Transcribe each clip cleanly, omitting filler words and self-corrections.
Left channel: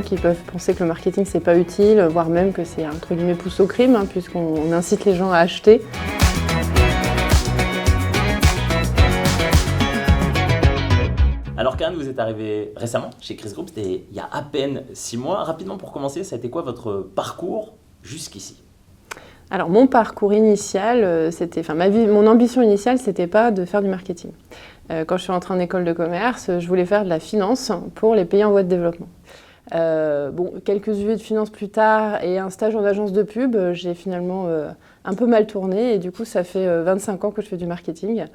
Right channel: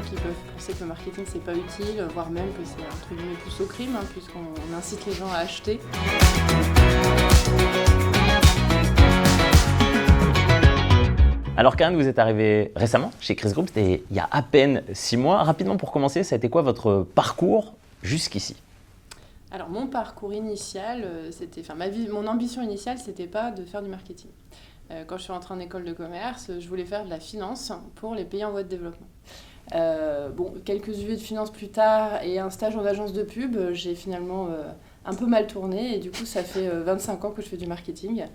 gens qui peuvent penser que le marketing c'est pas utile, voire même que c'est entre guillemets pousse au crime, puisqu'on incite les gens à acheter. Alors Karen, vous êtes arrivé récemment chez Chris Group, c'était il y a à peine 6 mois. Rapidement pour commencer, ça a été quoi votre parcours jusqu'ici ? Alors mon parcours initial, mon ambition initiale, c'était pas de faire du marketing. Quand je suis rentrée en école de commerce, je voulais faire de la finance pour les pays en voie de développement. Quelques UV de finance plus tard et un stage en agence de pub, j'ai finalement un peu mal tourné et du coup ça fait 25 ans que je fais du marketing.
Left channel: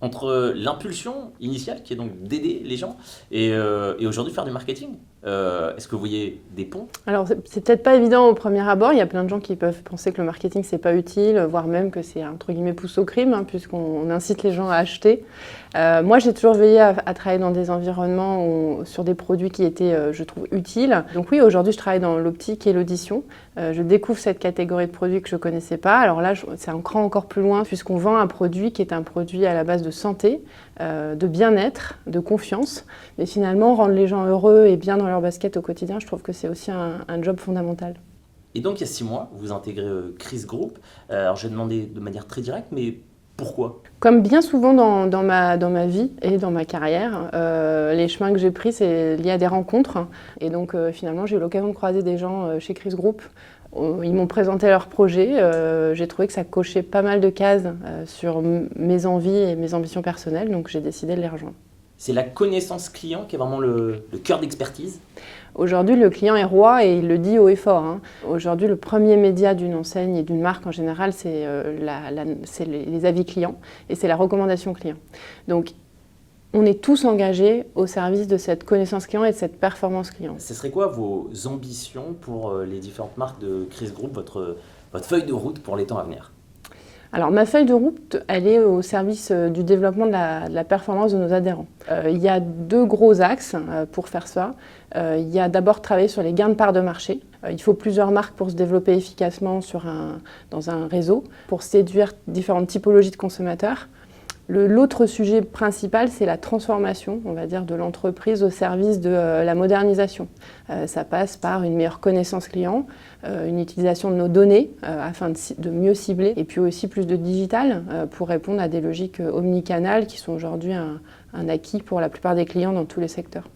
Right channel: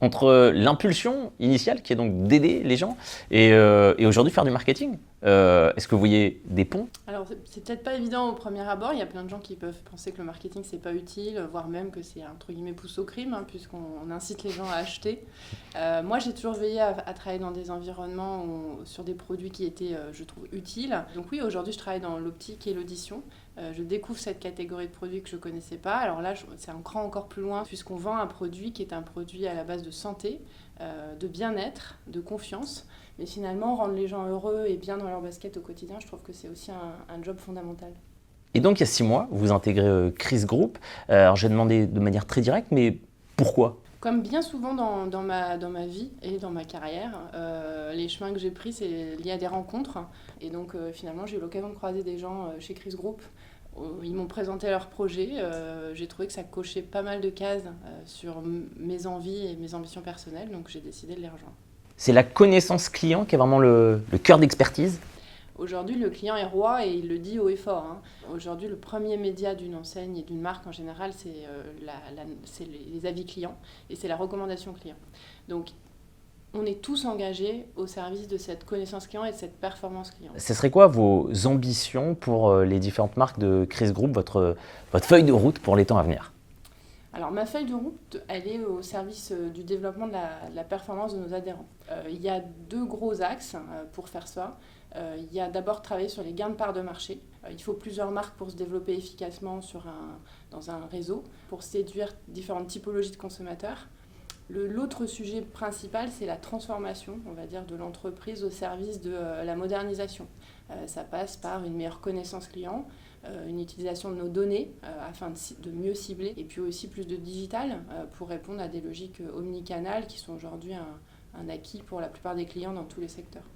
Entre l'impulsion initiale, qui est donc d'aider les gens, et aujourd'hui faire du marketing, est-ce que vous voyez des ponts ? Alors c'est peut-être pas évident au premier abord, il y a plein de gens qui peuvent penser que le marketing c'est pas utile, voire même que c'est entre guillemets pousse au crime, puisqu'on incite les gens à acheter. Moi j'ai toujours veillé à travailler dans des environnements sur des produits qui étaient, je trouve, utiles. Donc oui, aujourd'hui je travaille dans l'optique et l'audition. Je découvre cette catégorie de produits que je ne connaissais pas. Alors là, c'est un cran encore plus loin puisqu'on vend un produit qui est un produit à la base de santé, de bien-être, de confiance. Mais finalement, rendre les gens heureux et bien dans leur basket au quotidien, je trouve que c'est aussi un job fondamental. Et donc, il y a 6 mois, vous intégrez Chris Group. Alors, j'ai demandé de manière très directe, mais pourquoi ? Comme bien souvent dans ma vie et dans ma carrière, les chemins que j'ai pris, c'est lié à des rencontres. Et donc finalement, j'ai eu l'occasion de croiser des gens chez Chris Group. Ils m'ont présenté leur projet. J'ai trouvé que ça cochait pas mal de cases sur mes envies et mes ambitions personnelles. Donc j'ai décidé de les rejoindre. C'est la connaissance client qui est vraiment le cœur d'expertise ? Aujourd'hui, le client est roi et il le dit haut et fort. Aujourd'hui, le premier média d'une enseigne et d'une marque en général, c'est les avis clients et c'est la recommandation client. Donc, on est tous engagés au service de cette connaissance client et de cette performance client. Ce serait quoi vos ambitions pour les différentes marques de Chris Group, votre feuille de route pour les temps à venir ? Alors ma feuille de route, elle est au service du développement de la performance de nos adhérents. Il y a 2 gros axes pour faire ça. Il y a d'abord travailler sur les gains de part de marché. Il faut plusieurs marques pour se développer efficacement dans un réseau, pour séduire différentes typologies de consommateurs. L'autre sujet principal, c'est la transformation, on va dire, de l'entreprise au service de la modernisation. Ça passe par une meilleure connaissance client, une utilisation de nos données afin de mieux cibler, et puis aussi plus de digital pour répondre à des logiques omnicanales qui sont aujourd'hui un acquis pour la plupart des clients dans tous les secteurs.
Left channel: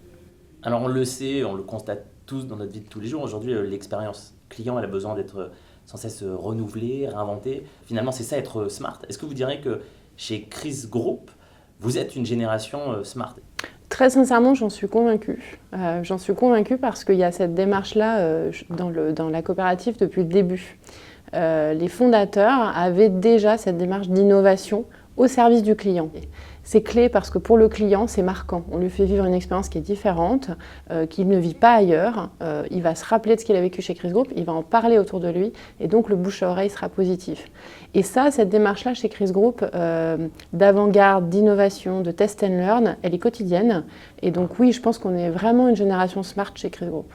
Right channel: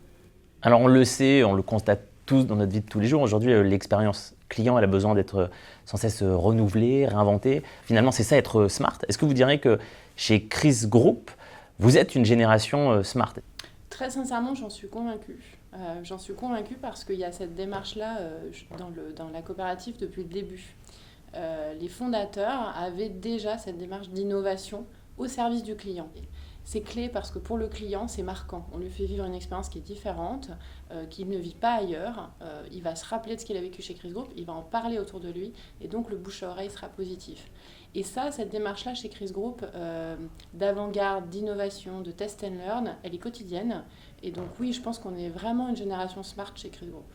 Alors on le sait, on le constate tous dans notre vie de tous les jours. Aujourd'hui, l'expérience client, elle a besoin d'être sans cesse renouvelée, réinventée. Finalement, c'est ça être smart. Est-ce que vous diriez que chez Chris Group, vous êtes une génération smart ? Très sincèrement, j'en suis convaincue. J'en suis convaincue parce qu'il y a cette démarche-là dans la coopérative depuis le début. Les fondateurs avaient déjà cette démarche d'innovation au service du client. C'est clé parce que pour le client, c'est marquant. On lui fait vivre une expérience qui est différente, qu'il ne vit pas ailleurs. Il va se rappeler de ce qu'il a vécu chez Chris Group, il va en parler autour de lui et donc le bouche à oreille sera positif. Et ça, cette démarche-là chez Chris Group, d'avant-garde, d'innovation, de test and learn, elle est quotidienne. Et donc oui, je pense qu'on est vraiment une génération smart chez Chris Group.